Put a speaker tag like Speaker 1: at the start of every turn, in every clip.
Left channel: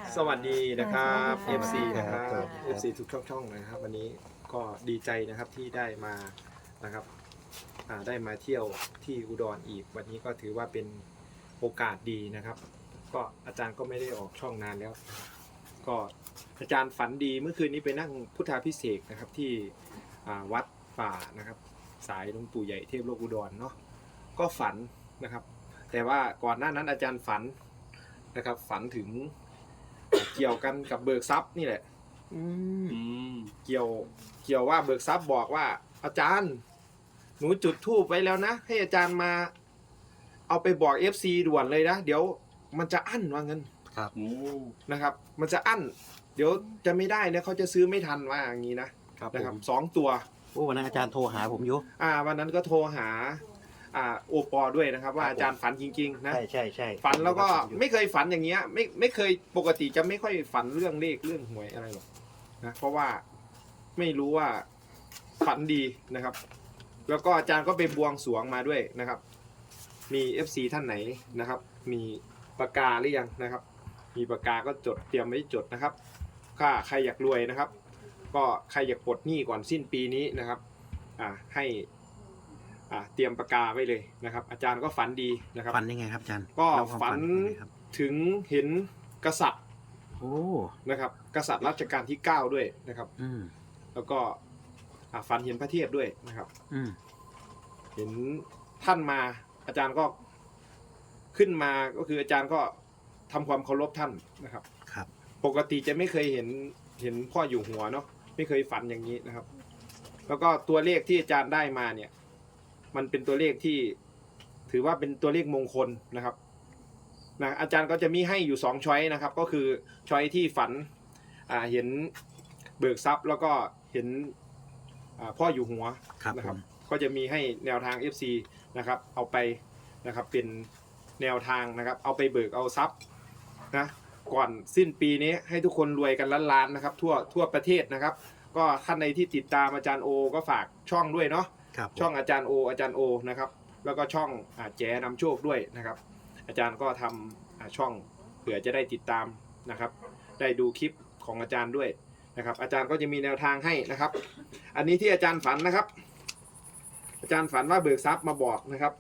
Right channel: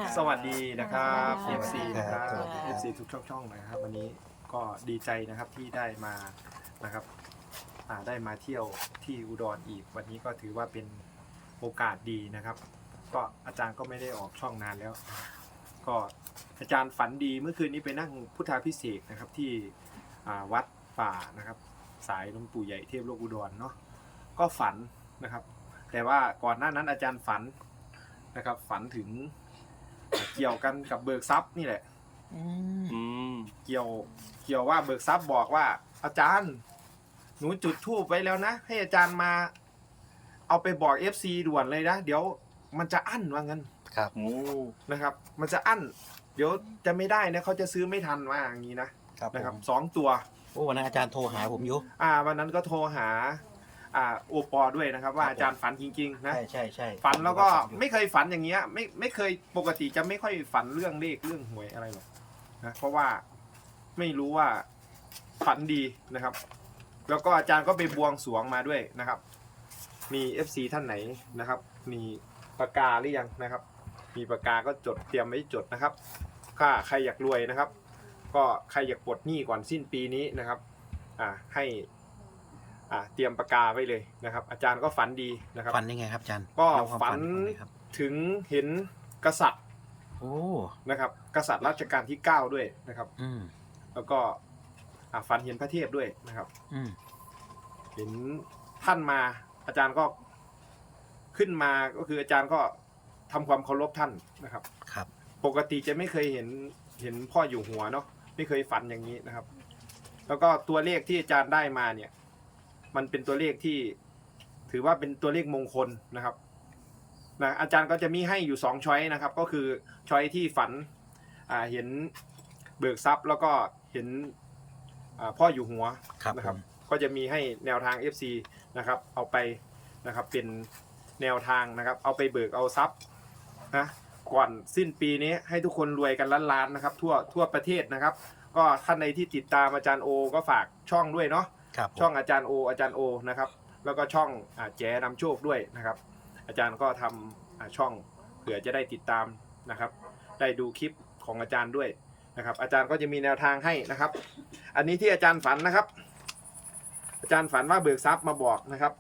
Speaker 1: สวัสดีนะครับ FC นะครั
Speaker 2: ครับ บ
Speaker 1: FC ทุกช่องเลยนะครับวันนี้ก็ดีใจนะครับที่ได้มานะครับได้มาเที่ยวที่อุดรอีกวันนี้ก็ถือว่าเป็นโอกาสดีนะครับก็อาจารย์ก็ไม่ได้ออกช่องนานแล้วนะครับก็อาจารย์ฝันดีเมื่อคืนนี้ไปนั่งพุทธาภิเษกนะครับที่วัดป่านะครับสายหลวงปู่ใหญ่เทพโลกอุดรเนาะก็ฝันนะครับแต่ว่าก่อนหน้านั้นอาจารย์ฝันนะครับฝันถึงเกี่ยวกันกับเบิกทรัพย์นี่แหละเกี่ยวว่าเบิกทรัพย์บอกว่าอาจารย์หนูจุดธูปไว้แล้วนะให้อาจารย์มาเอาไปบอก FC ด่วนเลยนะเดี๋ยวมันจะอั้นว่างั้น
Speaker 2: ครับ
Speaker 1: นะครับมันจะอั้นเดี๋ยวจะไม่ได้นะเขาจะซื้อไม่ทันว่าอย่างนี้นะครับ2 ตัว
Speaker 2: โอ้วันนั้นอาจารย์โทรหาผมอยู่
Speaker 1: วันนั้นก็โทรหาโอปอด้วยนะครับว่าอาจารย์ฝันจริงๆนะ
Speaker 2: ใช่
Speaker 1: ฝันแล้วก็ไม่เคยฝันอย่างเงี้ยไม่เคยปกติจะไม่ค่อยฝันเรื่องเลขเรื่องหวยอะไรหรอกนะเพราะว่าไม่รู้ว่าฝันดีนะครับแล้วก็อาจารย์ก็ไปบวงสรวงมาด้วยนะครับมี FC ท่านไหนนะครับมีปากกาหรือยังนะครับมีปากกาก็จดเตรียมไว้จดนะครับถ้าใครอยากรวยนะครับก็ใครอยากปลดหนี้ก่อนสิ้นปีนี้นะครับให้เตรียมปากกาไว้เลยนะครับอาจารย์ก็ฝันดีนะครับ
Speaker 2: ฝันยังไงครับอาจารย์
Speaker 1: ก็ฝันถึงเห็นกษัตริย์
Speaker 2: โอ้
Speaker 1: นะครับกษัตริย์รัชกาลที่9ด้วยนะครับแล้วก็ฝันเห็นพระเทพด้วยนะครับเห็นท่านมาอาจารย์ก็ขึ้นมาก็คืออาจารย์ก็ทำความเคารพท่านนะครับ
Speaker 2: ครับ
Speaker 1: ปกติจะไม่เคยเห็นพ่ออยู่หัวเนาะไม่เคยฝันอย่างนี้นะครับแล้วก็ตัวเลขที่อาจารย์ได้มาเนี่ยมันเป็นตัวเลขที่ถือว่าเป็นตัวเลขมงคลนะครับอาจารย์ก็จะมีให้อยู่2ช้อยนะครับก็คือช้อยที่ฝันเห็นเบิกทรัพย์แล้วก็เห็นพ่ออยู่หัวนะครับก็จะมีให้แนวทาง FC นะครับเอาไปนะครับเป็นแนวทางนะครับเอาไปเบิกเอาทรัพย์นะก่อนสิ้นปีนี้ให้ทุกคนรวยกันล้านๆนะครับทั่วประเทศนะครับก็ท่านใดที่ติดตามอาจารย์โอก็ฝากช่องด้วยเนาะช่องอาจารย์โอนะครับแล้วก็ช่องแจนำโชคด้วยนะครับอาจารย์ก็ทำช่องเผื่อจะได้ติดตามนะครับได้ดูคลิปของอาจารย์ด้วยนะครับอาจารย์ก็จะมีแนวทางให้นะครับอันนี้ที่อาจารย์ฝันนะครับอาจารย์ฝันว่าเบิกทรัพย์มาบอกนะครับ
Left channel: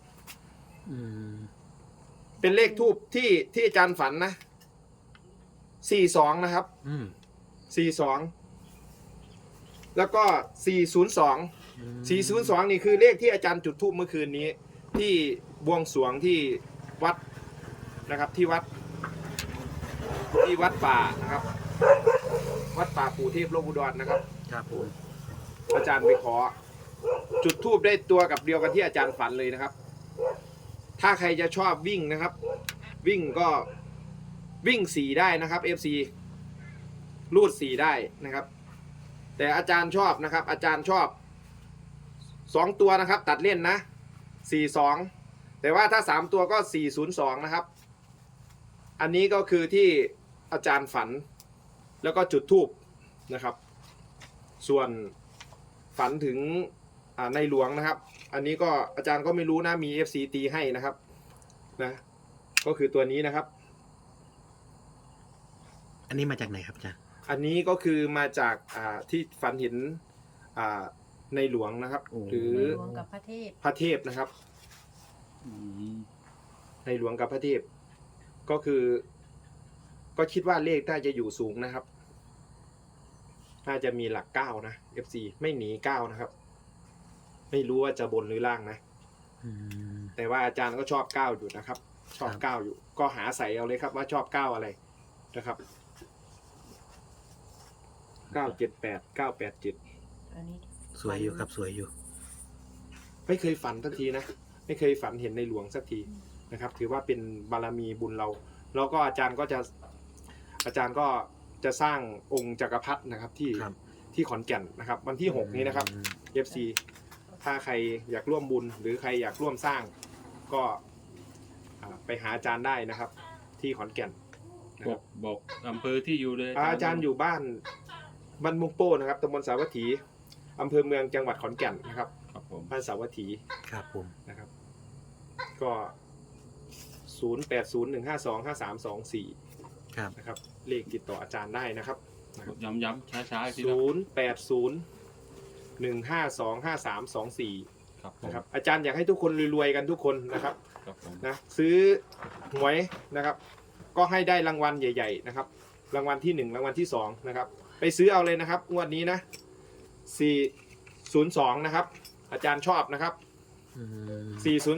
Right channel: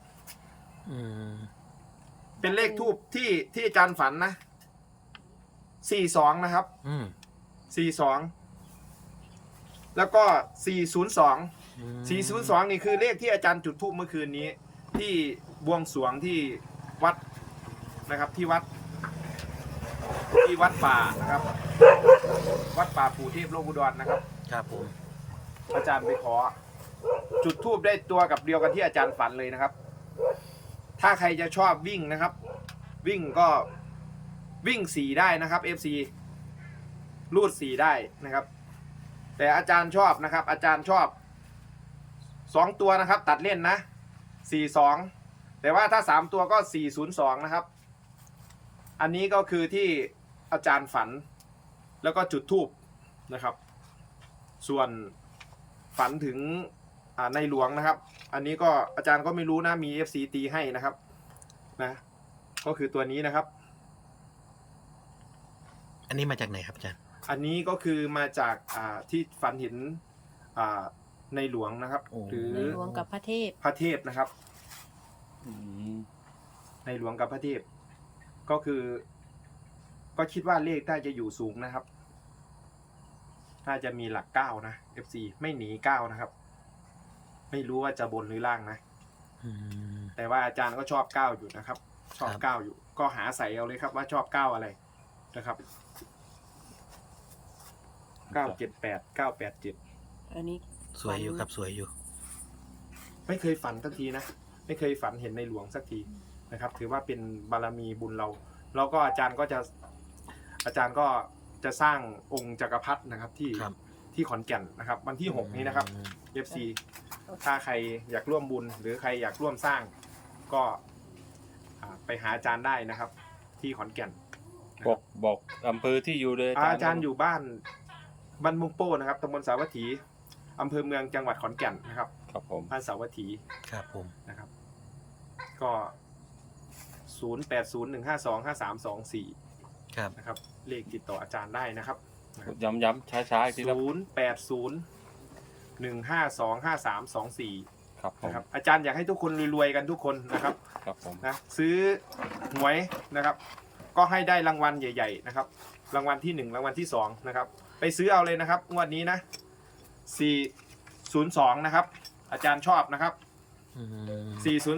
Speaker 1: เป็นเลขทูปที่อาจารย์ฝันนะ42นะครับ42แล้วก็402นี่คือเลขที่อาจารย์จุดธูปเมื่อคืนนี้ที่บวงสรวงที่วัดนะครับที่วัดป่านะครับวัดป่าปู่เทพโลกอุดรนะครับ
Speaker 2: ครับผม
Speaker 1: อาจารย์ไปขอจุดธูปได้ตัวกับเดียวกันที่อาจารย์ฝันเลยนะครับถ้าใครจะชอบวิ่งนะครับวิ่งก็วิ่ง4ได้นะครับ FC รูด4ได้นะครับแต่อาจารย์ชอบนะครับอาจารย์ชอบ2ตัวนะครับตัดเล่นนะ42แต่ว่าถ้า3ตัวก็402นะครับอันนี้ก็คือที่อาจารย์ฝันแล้วก็จุดธูปนะครับส่วนฝันถึงในหลวงนะครับอันนี้ก็อาจารย์ก็ไม่รู้นะมี FC ตีให้นะครับนะก็คือตัวนี้นะครับ
Speaker 2: อันนี้มาจากไหนครับอาจารย์
Speaker 1: อันนี้ก็คือมาจากที่ฝันเห็นในหลวงนะครับหรือ
Speaker 3: หลวงกับพระเทพ
Speaker 1: นะครับในหลวงกับพระเทพก็คือก็คิดว่าเลขน่าจะอยู่สูงนะครับน่าจะมีหลัก9นะ FC ไม่หนี9นะครับไม่รู้ว่าจะบนหรือล่างนะแต่ว่าอาจารย์ก็ชอบ9อยู่นะครับชอบ9อยู่ก็หาใส่เอาเลยครับว่าชอบ9อะไรนะครับ978 987
Speaker 3: อันนี้
Speaker 2: สวยอยู่ครับสวยอยู่
Speaker 1: ไม่เคยฝันสักทีนะไม่เคยฝันเห็นในหลวงสักทีนะครับถือว่าเป็นบารมีบุญเราแล้วก็อาจารย์ก็จะสร้างองค์จักรพรรดินะครับที่ขอนแก่นนะครับวันที่6นี้นะครับ FC ถ้าใครอยากร่วมบุญหรือใครอยากร่วมสร้างก็ไปหาอาจารย์ได้นะครับที่ขอนแก่น
Speaker 4: บอกอำเภอที่อยู่เลย
Speaker 1: อาจารย์อยู่บ้านมุงโป้นะครับตำบลสาวัตถีอำเภอเมืองจังหวัดขอนแก่นนะครับ
Speaker 4: ครับผม
Speaker 1: บ้านสาวัตถี
Speaker 2: ครับผม
Speaker 1: นะครับก็0801525324
Speaker 2: ครับ
Speaker 1: นะครับเลขติดต่ออาจารย์ได้นะครับ
Speaker 4: ย้ำช้าๆอีกทีครับ
Speaker 1: 0801525324
Speaker 4: ครับผม
Speaker 1: นะครับอาจารย์อยากให้ทุกคนรวยๆกันทุกคนนะครับ
Speaker 4: ครับผม
Speaker 1: นะซื้อหวยนะครับ ก็ให้ได้รางวัลใหญ่ๆนะครับรางวัลที่1รางวัลที่2นะครับไปซื้อเอาเลยนะครับงวดนี้นะ402นะครับอาจารย์ชอบนะครับ
Speaker 2: อืม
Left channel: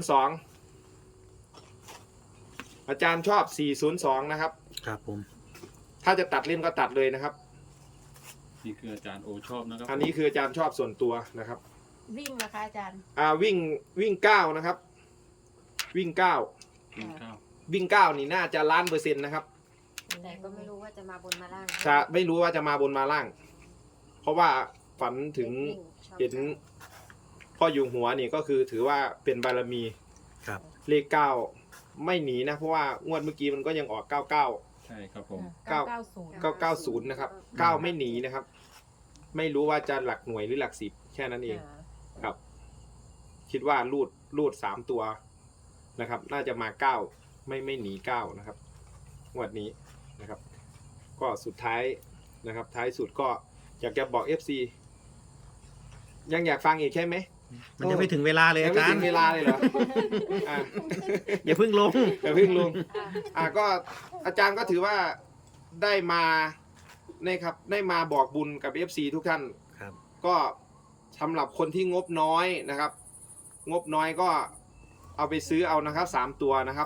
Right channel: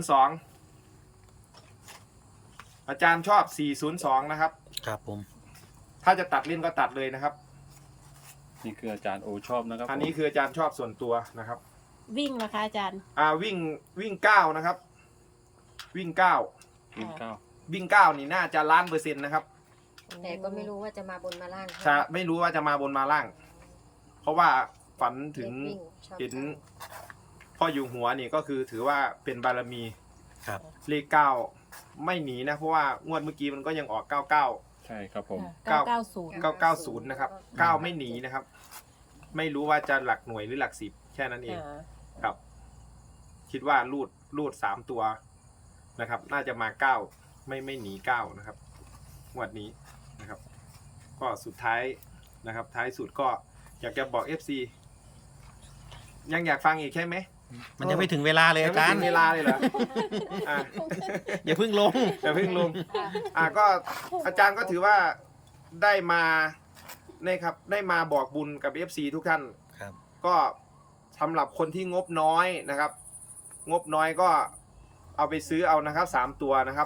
Speaker 1: 402อาจารย์ชอบ402นะครับ
Speaker 2: ครับผม
Speaker 1: ถ้าจะตัดเล่นก็ตัดเลยนะครับ
Speaker 4: นี่คืออาจารย์โอชอบนะครับ
Speaker 1: อันนี้คืออาจารย์ชอบส่วนตัวนะครับ
Speaker 3: วิ่งนะคะอาจารย์
Speaker 1: วิ่ง9นะครับวิ่ง9
Speaker 4: วิ่งเก้า
Speaker 1: วิ่ง9นี่น่าจะ1,000,000%นะครับ
Speaker 5: แต่ก็ไม่รู้ว่าจะมาบนมาล่าง
Speaker 1: ไม่รู้ว่าจะมาบนมาล่าง เพราะว่าฝันถึง
Speaker 5: ชอบ
Speaker 1: เห็นพ่ออยู่หัวนี่ก็คือถือว่าเป็นบารมี
Speaker 2: ครับ
Speaker 1: เลข9ไม่หนีนะเพราะว่างวดเมื่อกี้มันก็ยังออก99
Speaker 4: ใช่ครับผม
Speaker 3: 990
Speaker 1: 990นะครับ9ไม่หนีนะครับ ไม่รู้ว่าจะหลักหน่วยหรือหลัก10แค่นั้นเองครับ คิดว่ารูด3ตัวนะครับ น่าจะมา9ไม่หนี9นะครับงวดนี้นะครับ ก็สุดท้ายนะครับ ท้ายสุดก็อยากจะบอก FC ยังอยากฟังอีกใช่ไหม
Speaker 2: มันยังไม่ถึงเวลาเลย
Speaker 1: ยั
Speaker 2: อาง
Speaker 1: ไม่
Speaker 2: จาร
Speaker 1: ถึ
Speaker 2: ย์
Speaker 1: งเวลาเลยเหรออ่ะ
Speaker 2: อย่าเพิ่งลง
Speaker 1: อย่าเพิ่งลงก็อาจารย์ก็ถือว่าได้มานะครับได้มาบอกบุญกับ FC ทุกท่าน
Speaker 2: ครับ
Speaker 1: ก็สำหรับคนที่งบน้อยนะครับ งบน้อยก็เอาไปซื้อเอานะครับ3ตัวนะครับ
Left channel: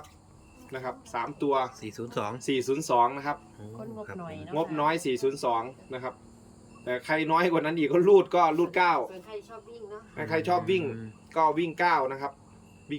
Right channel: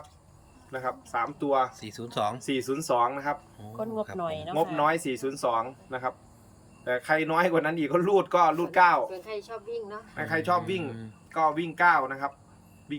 Speaker 1: 3ตัว
Speaker 2: 402
Speaker 1: 402นะครับ
Speaker 3: คนงบหน่อยเนาะ
Speaker 1: งบน้อย402นะครับแต่ใครน้อยกว่านั้นอีกก็รูด9
Speaker 5: ส่วนใครชอบวิ่งเนาะ
Speaker 1: ใครชอบวิ่งก็วิ่ง9นะครับวิ่ง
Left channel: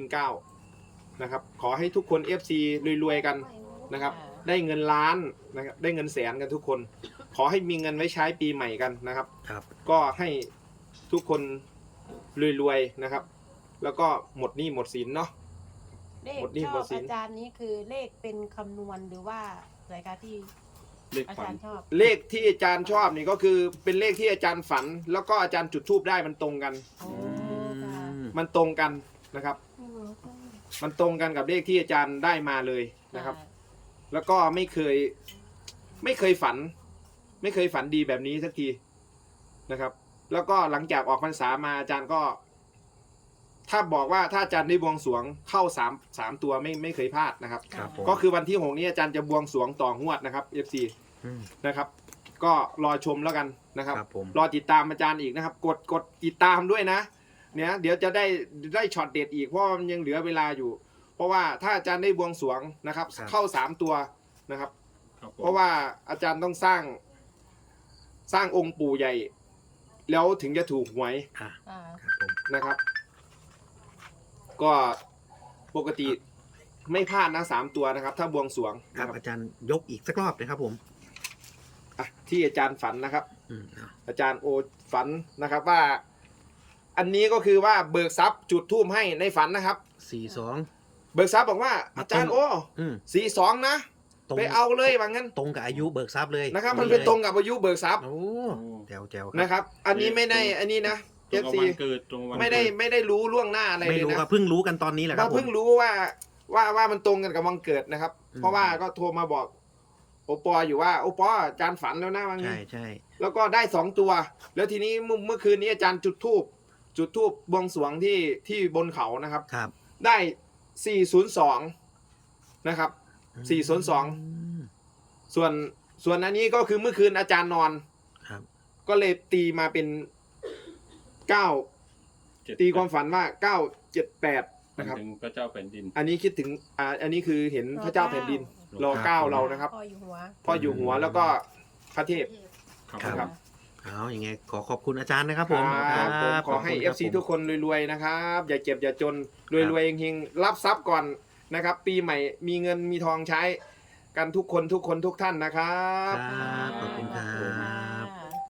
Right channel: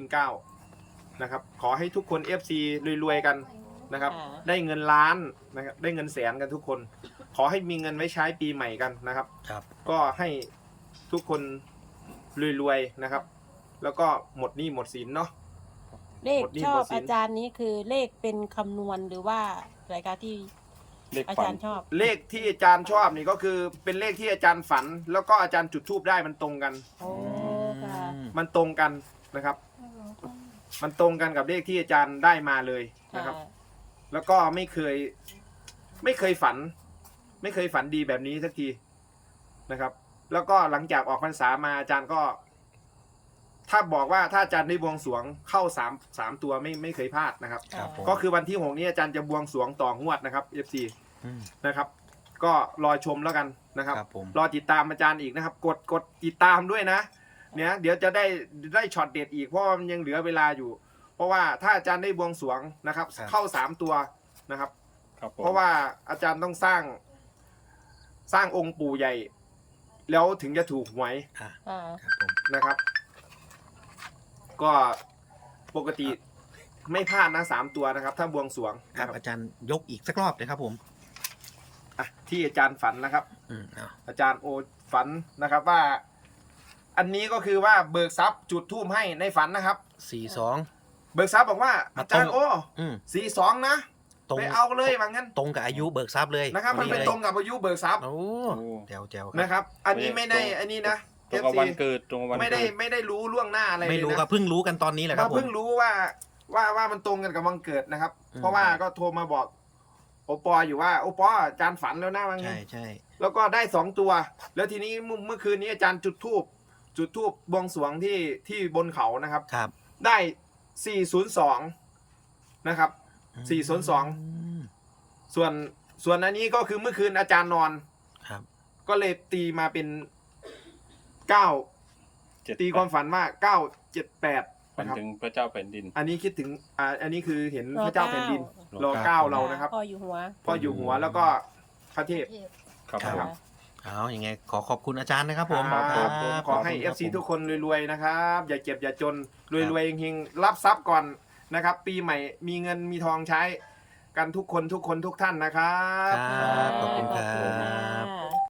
Speaker 1: 9นะครับขอให้ทุกคน FC รวยๆกันนะครับ ได้เงินล้านนะครับได้เงินแสนกันทุกคน ขอให้มีเงินไว้ใช้ปีใหม่กันนะครับ
Speaker 2: ครับ
Speaker 1: ก็ให้ทุกคนรวยๆนะครับ แล้วก็หมดหนี้หมดสินเนาะ
Speaker 3: เลข
Speaker 1: หมดหนี้
Speaker 3: ช
Speaker 1: หม
Speaker 3: อ
Speaker 1: ด
Speaker 3: บ
Speaker 1: สิน
Speaker 3: อาจารย์นี้คือเลขเป็นคำนวณหรือว่าอะไรคะที่
Speaker 4: เลข
Speaker 3: อา
Speaker 4: ฝั
Speaker 3: จาน รย์ชอบ
Speaker 1: เลขที่อาจารย์ชอบนี่ก็คือเป็นเลขที่อาจารย์ฝัน แล้วก็อาจารย์จุดธูปได้มันตรงกัน
Speaker 3: โอ้ค่ะ
Speaker 1: มันตรงกันนะครับ มันตรงกันกับเลขที่อาจารย์ได้มาเลยนะครับ แล้วก็ไม่เคยฝัน ไม่เคยฝันดีแบบนี้สักทีนะครับ แล้วก็หลังจากออกพรรษามาอาจารย์ก็ ถ้าบอกว่าถ้าอาจารย์ได้บวงสรวงเข้า3ตัวไม่เคยพลาดนะครับ
Speaker 2: ครับผม
Speaker 1: ก็คือวันที่6นี้อาจารย์จะบวงสรวงต่องวดนะครับ FC
Speaker 2: ม
Speaker 1: นะครับ ก็รอชมแล้วกันนะครับ
Speaker 2: ครับผม
Speaker 1: รอติดตามอาจารย์อีกนะครับ กดติดตามด้วยนะเนี่ยเดี๋ยวจะได้ช็อตเด็ดอีกเพราะว่ามันยังเหลือเวลาอยู่ เพราะว่าถ้าอาจารย์ได้บวงสรวงนะครับ เข้า3ตัวนะครับ
Speaker 4: ครับผม
Speaker 1: เพราะว่าอาจารย์ต้องสร้างองค์ปู่ใหญ่ แล้วถึงจะถูกหวย
Speaker 2: อ่ะ
Speaker 3: อ่า
Speaker 2: ครับผม
Speaker 1: นะครับ ก็ปกติไม่พลาดนะ3ตัวนะครับ ถ้าบวงสรวง
Speaker 2: ครั
Speaker 1: นะ
Speaker 2: บ
Speaker 1: ครับ
Speaker 2: อาจารย์ยกอีกสักรอบเลยครับผม
Speaker 1: ที่อาจารย์ฝันนะครับ
Speaker 2: เอา
Speaker 1: อาจารย์โอฝันนะครับว่า อันนี้ก็คือว่าเบิกทรัพย์จุดธูปให้ในฝันนะครับ
Speaker 2: 42
Speaker 1: เบิกทรัพย์บอกว่า
Speaker 2: มา
Speaker 1: อาจารย์
Speaker 2: ตรง
Speaker 1: โอ้
Speaker 2: อืม
Speaker 1: 42นะ
Speaker 2: ตรง
Speaker 1: ไปเอาเลยว่างั้น
Speaker 2: ตรงกับอายุเบิกทรัพย์เลย
Speaker 1: นะครับ มันเป็นตรงกับอายุเบิกทรัพย์
Speaker 2: โอ้
Speaker 4: โอ้
Speaker 2: แจ๋ว
Speaker 1: นะครับ อันนี้ไม่ได้อันนี้นะ
Speaker 4: ตรงกับ
Speaker 1: FC
Speaker 4: วันเกิดตรงกับวัน
Speaker 1: ไม่ได้
Speaker 4: เกิด
Speaker 1: ไม่ได้รู้ล่วงหน้าอะไร
Speaker 2: ไม่
Speaker 1: เลย
Speaker 2: รู้
Speaker 1: นะ
Speaker 2: ก็เพิ่งรู้กันตอนนี้แหละครั
Speaker 1: ว่า
Speaker 2: บผม
Speaker 1: เพิ่งรู้ว่ามันตรงกันกับวันเกิดนะครับ
Speaker 2: อืม
Speaker 1: เพราะว่าก็โทรมาบอกโอปออยู่ว่าโอปออาจารย์ฝันแล้วนะว่างั้
Speaker 2: ใช่
Speaker 1: น
Speaker 2: ใช่
Speaker 1: แล้วก็ได้2ตัว แล้วทีนี้เมื่อคืนนี้อาจารย์จุดธูปบวงสรวงที่บนเขานะครับ
Speaker 2: ครับ
Speaker 1: ได้ 402 นะครับ 402
Speaker 2: ม
Speaker 1: ส่วนอันนี้ก็คือเมื่อคืนอาจารย์นอน
Speaker 2: ครับ
Speaker 1: ก็เลยตีมาเป็น9ตีความฝันว่า978
Speaker 4: มัน
Speaker 1: นะครับ
Speaker 4: ถึงพระเจ้าแผ่นดิน
Speaker 1: อันนี้คิดถึงอันนี้คือเห็นพระเจ้าแผ่นดินรอเก้าเรานะครับ
Speaker 3: พ่ออยู่หัว
Speaker 1: พ่ออยู่หัวแล้วก็พระเทพ
Speaker 4: ครับ
Speaker 2: ครับ
Speaker 4: ผม
Speaker 2: เอาอย่างไงขอขอบคุณอาจารย์นะครับผม
Speaker 1: ครับผมขอให้
Speaker 2: บคุณครับ
Speaker 1: FC ทุกคนรวยๆนะครับ อย่าเจ็บอย่าจนรวยๆเฮงๆรับทรัพย์ก่อนนะครับ ปีใหม่มีเงินมีทองใช้กันทุกคนทุกท่านนะครับ
Speaker 2: ครับขอบคุณครับ